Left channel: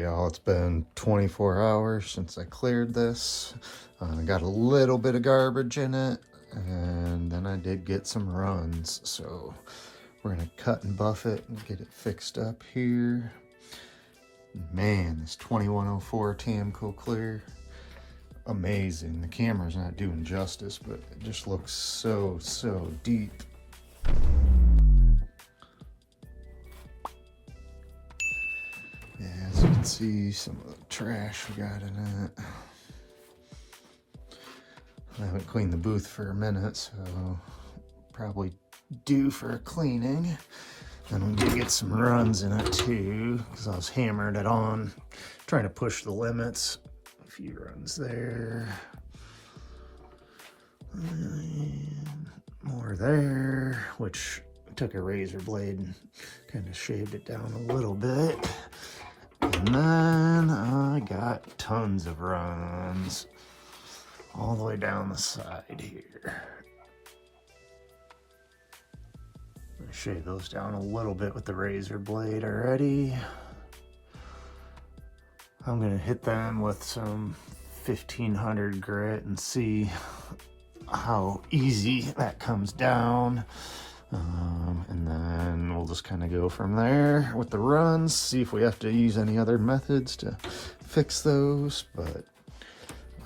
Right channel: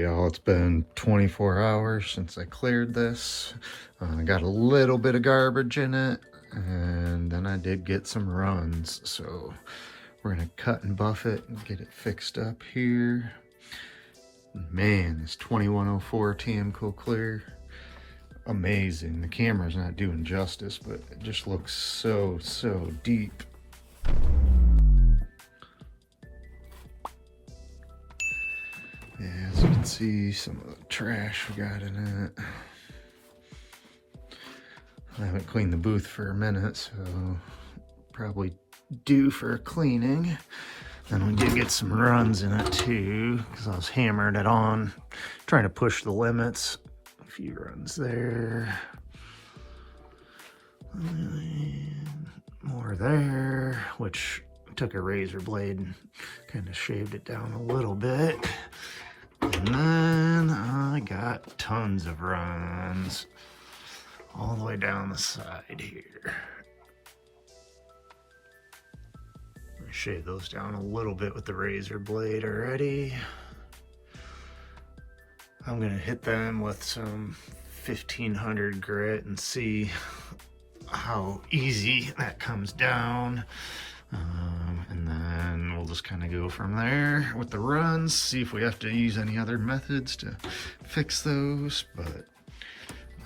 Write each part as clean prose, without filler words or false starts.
right, y'all, it's been 24 hours since I cleared this. I got a little bit of garbage in it, and then I did get some runs. So we're gonna cut and buff it and get it fixed up here. Man, this 2104 TMCO clear, amazing. The camera's not doing justice, but it just looks so deep. Yeah, as you can see, some of the trash we got in it. I haven't cleaned the booth for a minute, so probably due for a cleaning. And we did get some runs in it too, because I was hammering it on, trying to push the limits. A few runs there. And more there, which took a razor blade and kind of shaved it down a little bit. And then I got tons of runs all the way down the side here. I shaved those down a little bit with the razor blade already. I'm gonna hit them with some 1500 grit and see how easy that comes down. And then we'll just kind of go from there with the runs, see if we have to use any other methods to fix those. But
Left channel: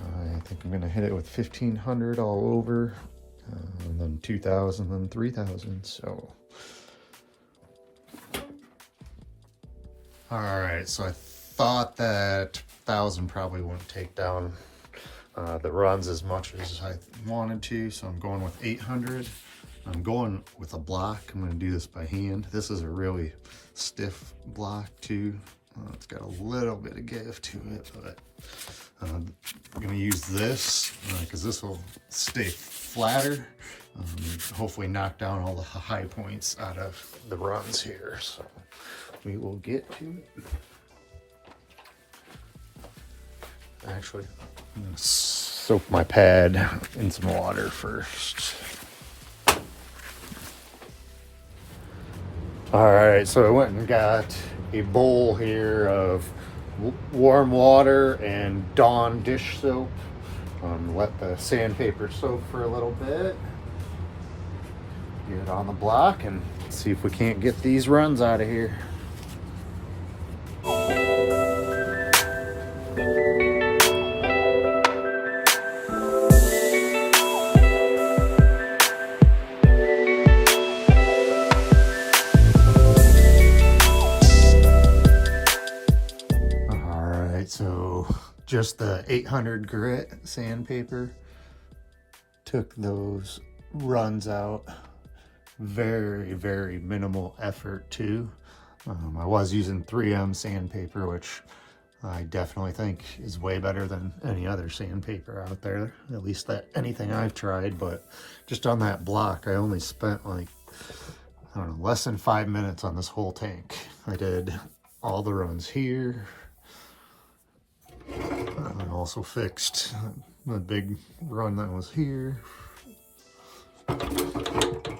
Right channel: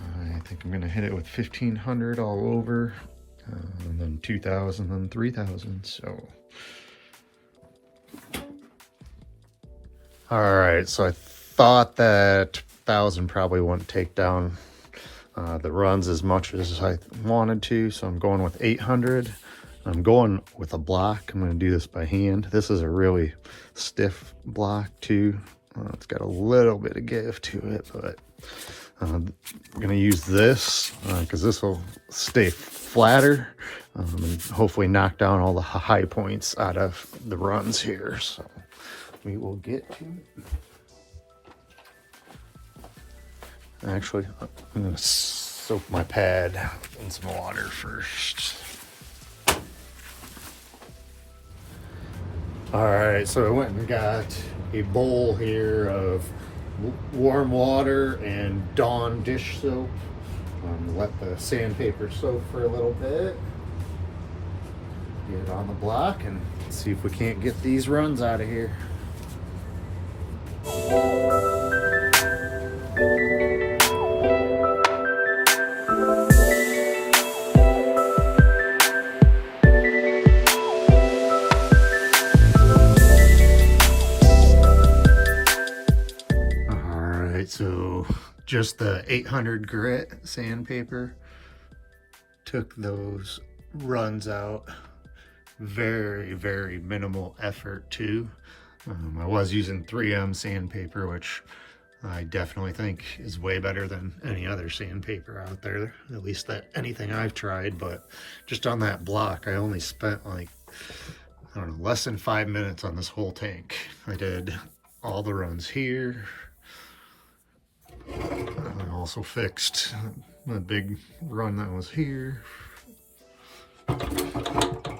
I think I'm gonna hit it with 1500 all over, and then 2000 and 3000. So all right, so I thought that 1000 probably wouldn't take down the runs as much as I wanted to, so I'm going with 800. I'm going with a block. I'm going to do this by hand. This is a really stiff block too. It's got a little bit of give to it, but I'm going to use this because this will stay flatter and hopefully knock down all the high points out of the runs here. So we will get to it. Actually, I'm going to soak my pad in some water first. All right, so I went and got a bowl here of warm water and Dawn dish soap. Let the sandpaper soak for a little bit. Get it on the block and see if we can't get these runs out of here. So just the 800 grit sandpaper took those runs out. Very minimal effort too. I was using 3M sandpaper, which I definitely think is way better than any other sandpaper out there, at least that anything I've tried. But just on that block, I only spent like, I don't know, less than 5 minutes on this whole tank. I did all the runs here. I also fixed the big run that was here. And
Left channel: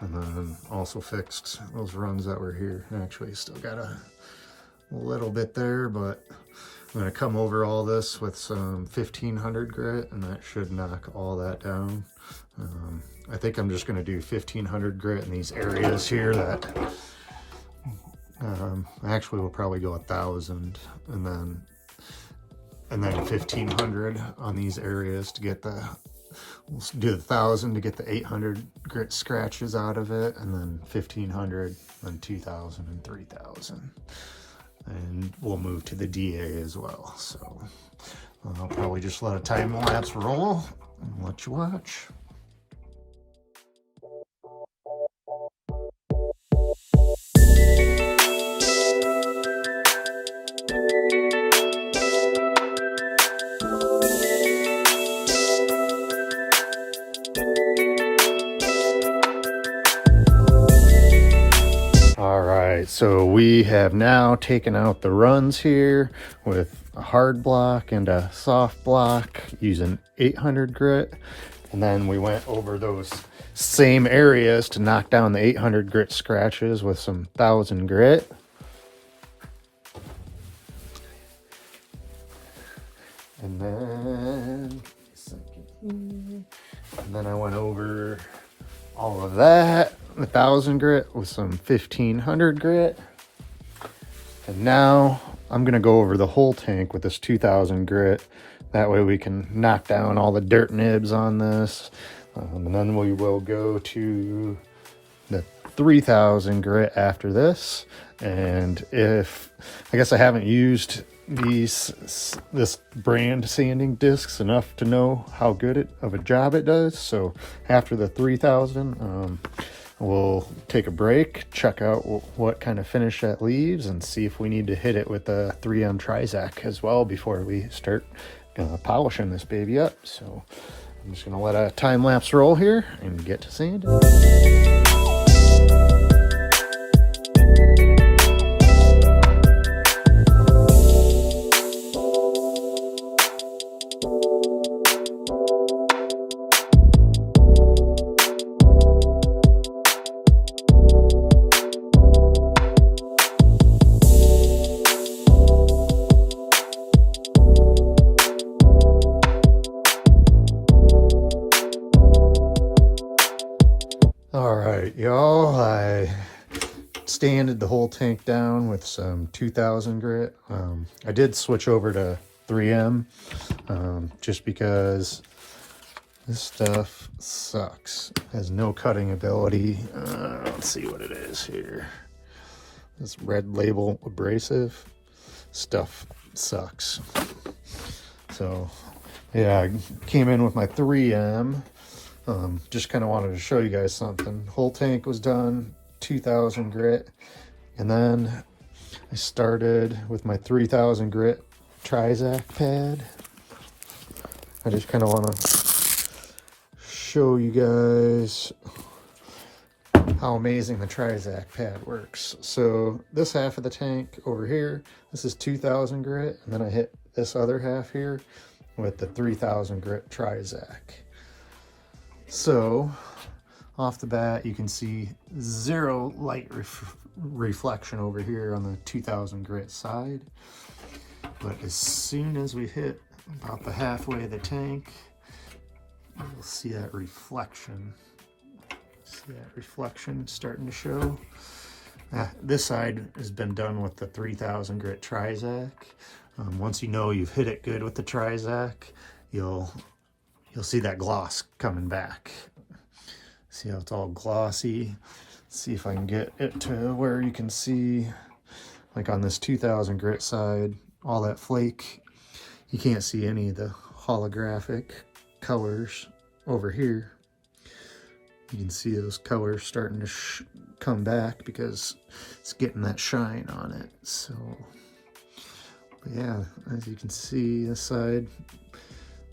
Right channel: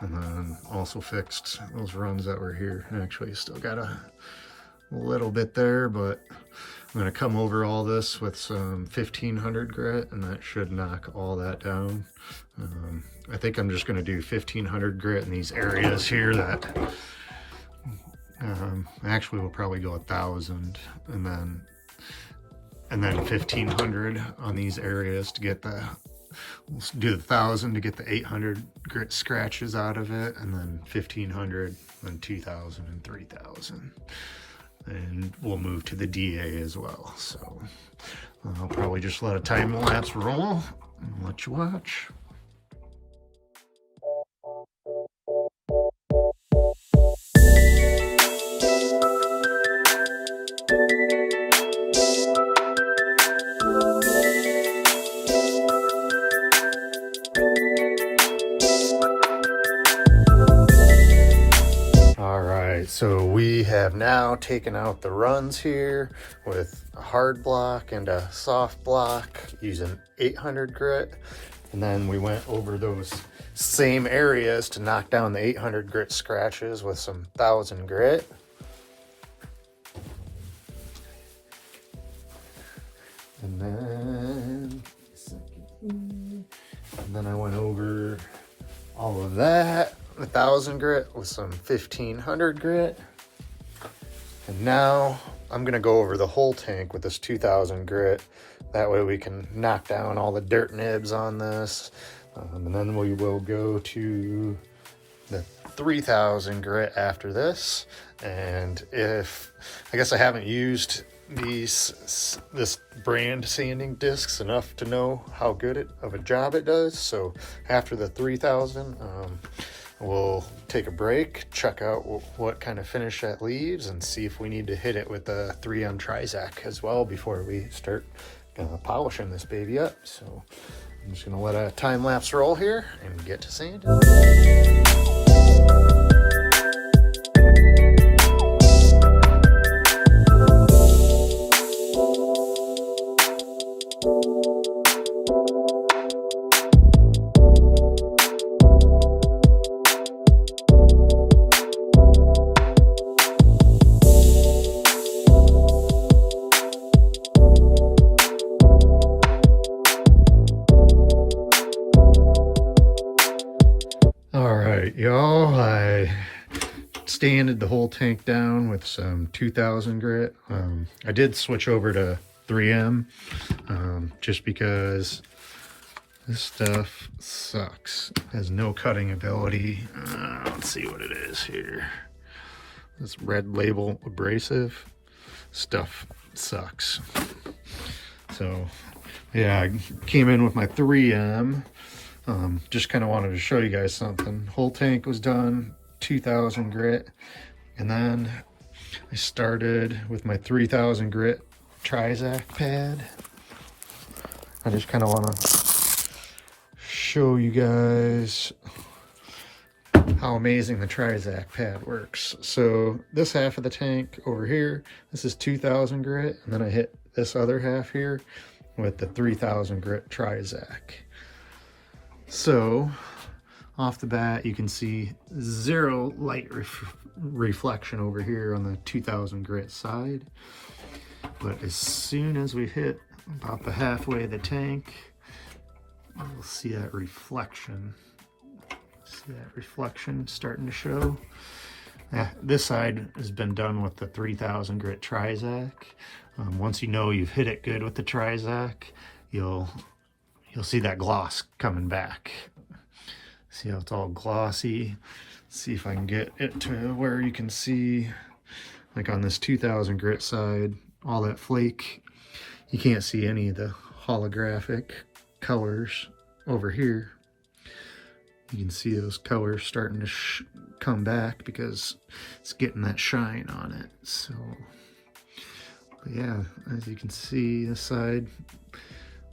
then also fixed those runs that were here. Actually, still got a little bit there, but I'm gonna come over all this with some 1500 grit and that should knock all that down. I think I'm just gonna do 1500 grit in these areas here that actually we'll probably go 1000 and then 1500 on these areas to get the, we'll do the 1000 to get the 800 grit scratches out of it, and then 1500, then 2000 and 3000. And we'll move to the DA as well. So I'll probably just let a time lapse roll and let you watch. So we have now taken out the runs here with a hard block and a soft block using 800 grit. And then we went over those same areas to knock down the 800 grit scratches with some 1000 grit. And then I went over all of that, 1,000 grit with some 1,500 grit. And now I'm gonna go over the whole tank with this 2,000 grit. That way we can knock down all the dirt nibs on this. And then we will go to the 3,000 grit after this. And I guess I haven't used this brand sanding discs enough to know how good of a job it does. So after the 3,000, we'll take a break, check out what kind of finish that leaves, and see if we need to hit it with a 3M Trizac as well before we start polishing this baby up. So I'm just gonna let a time lapse roll here and get to sanding. Y'all, I sanded the whole tank down with some 2,000 grit. I did switch over to 3M just because this stuff sucks. It has no cutting ability. Let's see what it is here. This red label abrasive stuff sucks. So yeah, I came in with my 3M. Just kind of wanted to show you guys something. Whole tank was done, 2,000 grit, and then I started with my 3,000 grit Trizac pad. I just kind of want to show you guys how amazing the Trizac pad works. So this half of the tank over here, this is 2,000 grit, and then I hit this other half here with the 3,000 grit Trizac. So off the bat, you can see zero light reflection over here on the 2,000 grit side. But as soon as we hit about the halfway of the tank, you'll see that reflection. See that reflection starting to show? This side has been done with the 3,000 grit Trizac. Once you know you've hit it good with the Trizac, you'll see that gloss coming back. See how it's all glossy? See if I can get it to where you can see, like on this 2,000 grit side, all that flake. You can't see any of the holographic colors over here. You can see those colors starting to come back because it's getting that shine on it. So, but yeah, as you can see, this side,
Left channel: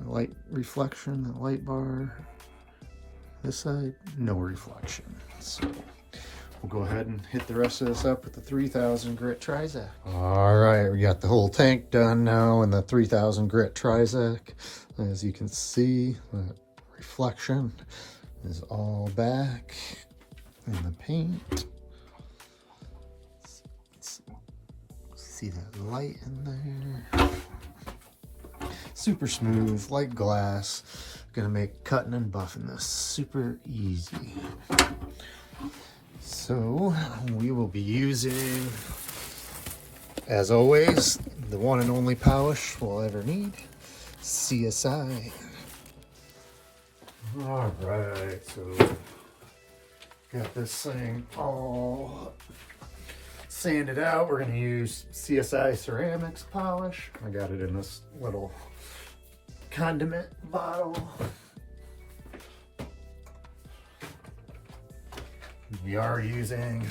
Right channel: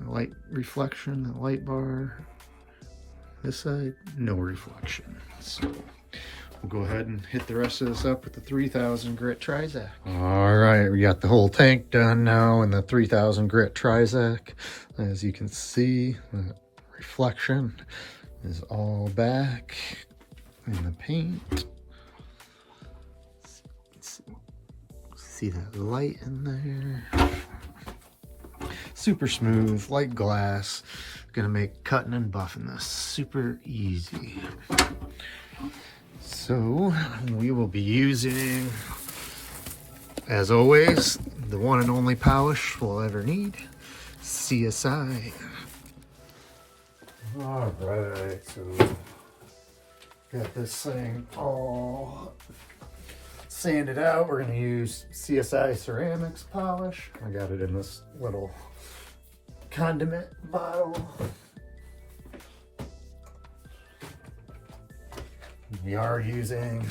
the light reflection, the light bar. This side, no reflection. So we'll go ahead and hit the rest of this up with the 3,000 grit Trizac. All right, we got the whole tank done now in the 3,000 grit Trizac. As you can see, the reflection is all back in the paint. See that light in there? Super smooth, like glass. Gonna make cutting and buffing this super easy. So we will be using, as always, the one and only polish we'll ever need, CSI. All right, so got this thing all sanded out. We're gonna use CSI ceram-x polish. I got it in this little condiment bottle. We are using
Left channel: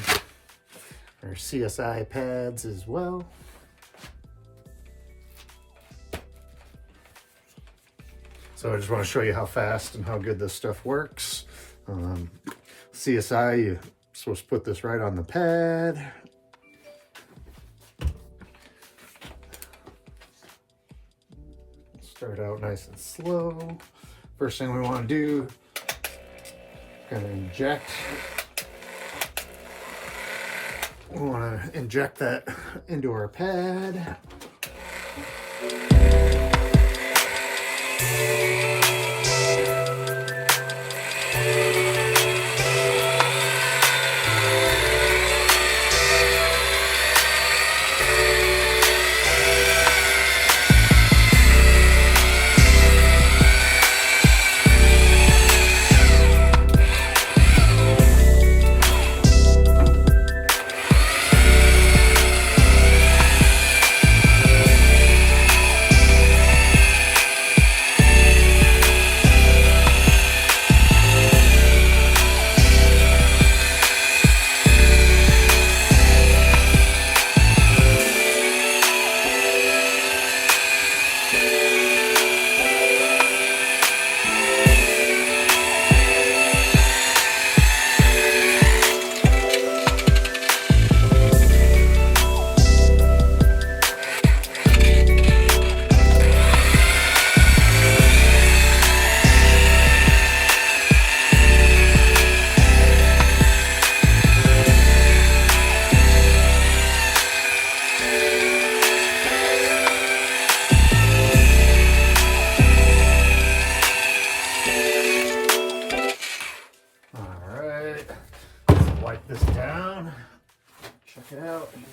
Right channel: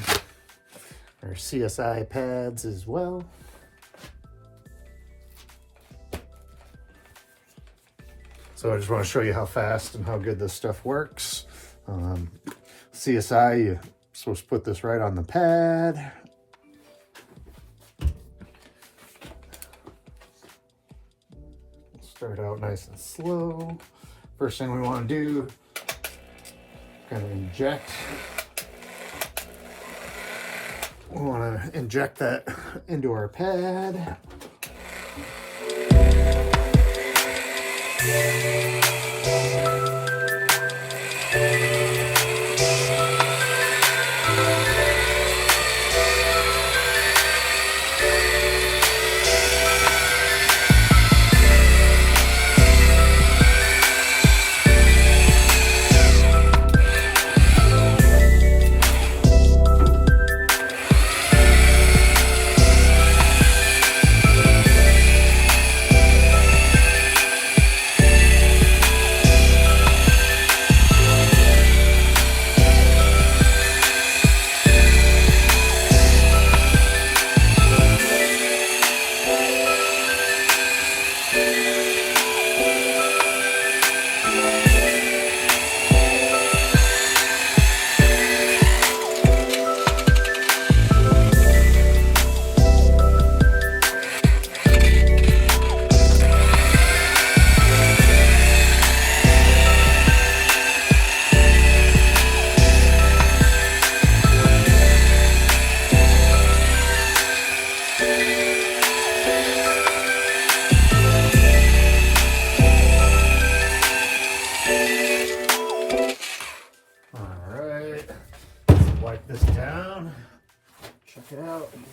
our CSI pads as well. So I just want to show you how fast and how good this stuff works. CSI, you're supposed to put this right on the pad. Start out nice and slow. First thing we want to do, kind of inject. We want to inject that into our pad. wipe this down. Check it out here.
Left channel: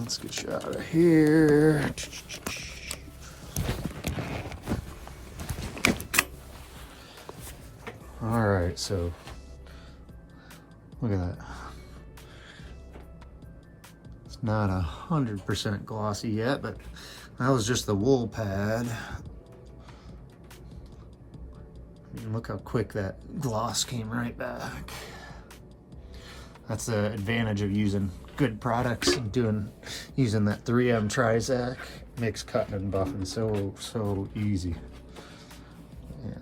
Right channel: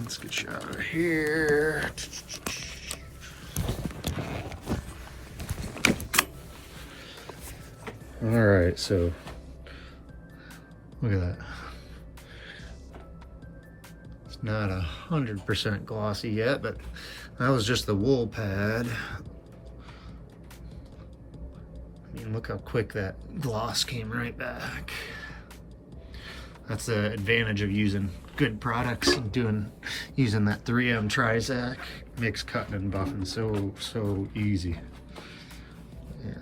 Let's get you out of here. All right, so look at that. It's not 100% glossy yet, but that was just the wool pad. I mean, look how quick that gloss came right back. That's the advantage of using good products and using that 3M Trizac. Makes cutting and buffing so easy. Yeah.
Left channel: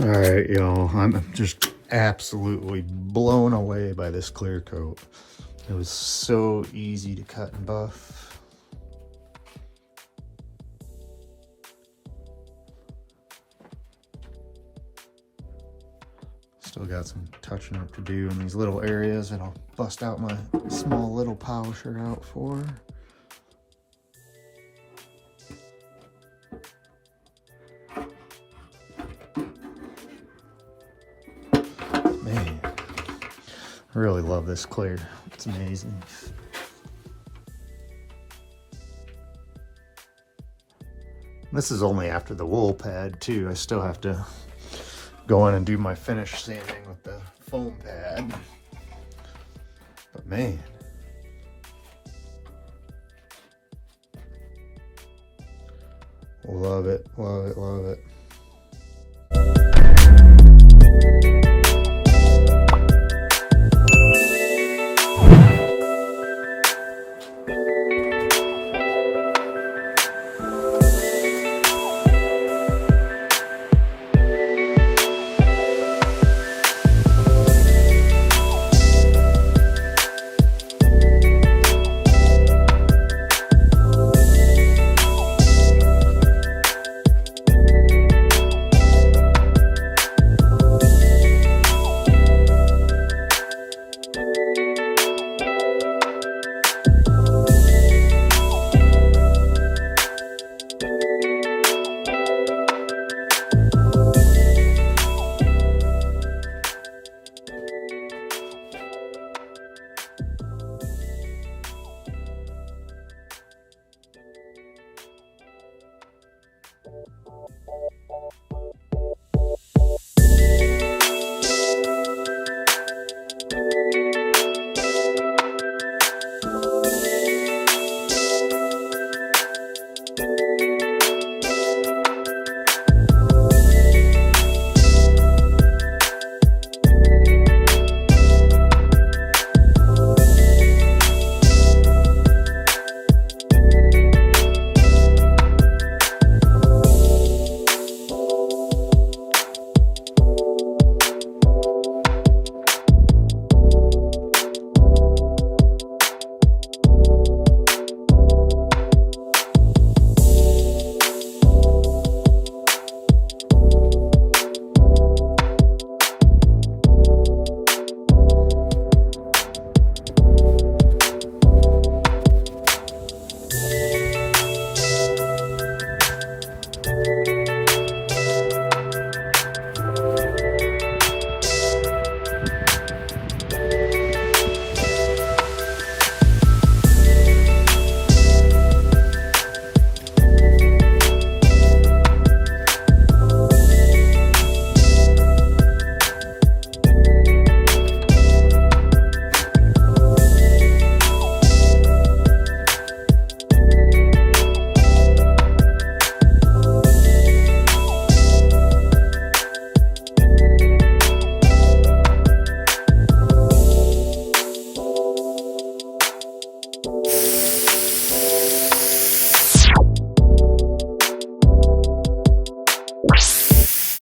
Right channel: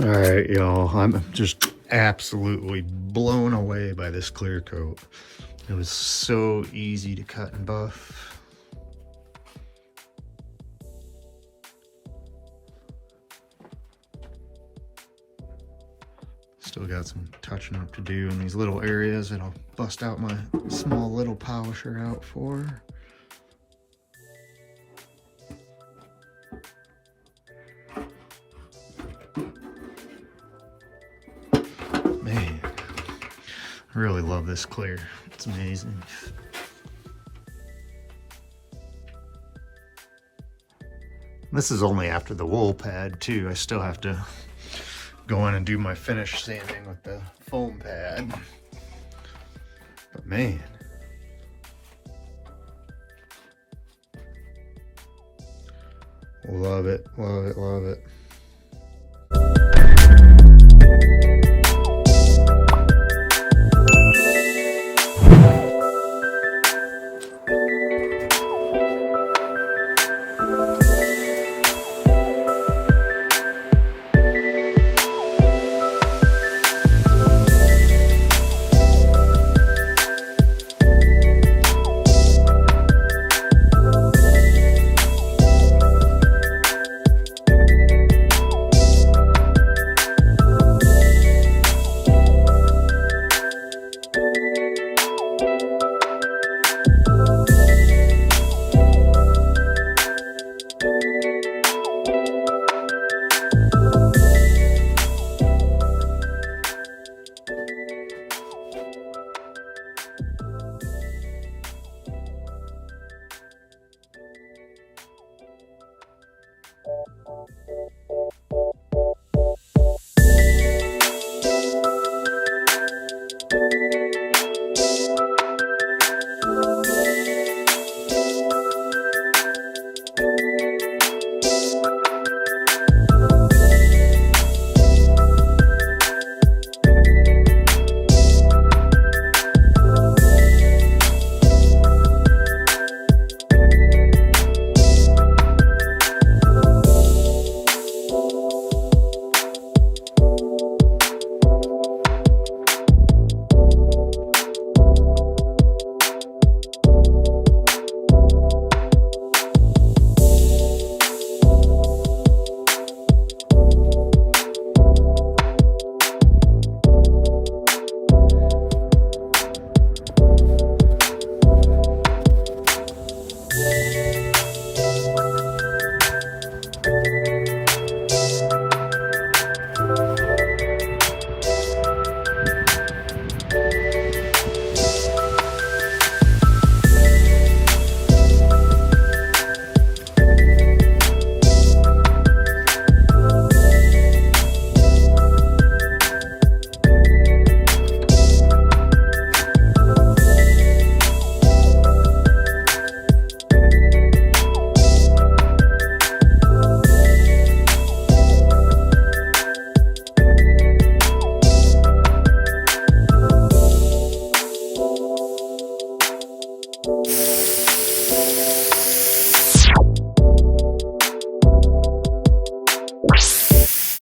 All right, y'all, I'm just absolutely blown away by this Clearcoat. It was so easy to cut and buff. Still got some touching up to do in these little areas that I'll bust out my small little polisher out for. Man, I really love this clear. It's amazing. This is only after the wool pad too. I still have to go in and do my finish sanding with the foam pad. But man, love it, love it, love it.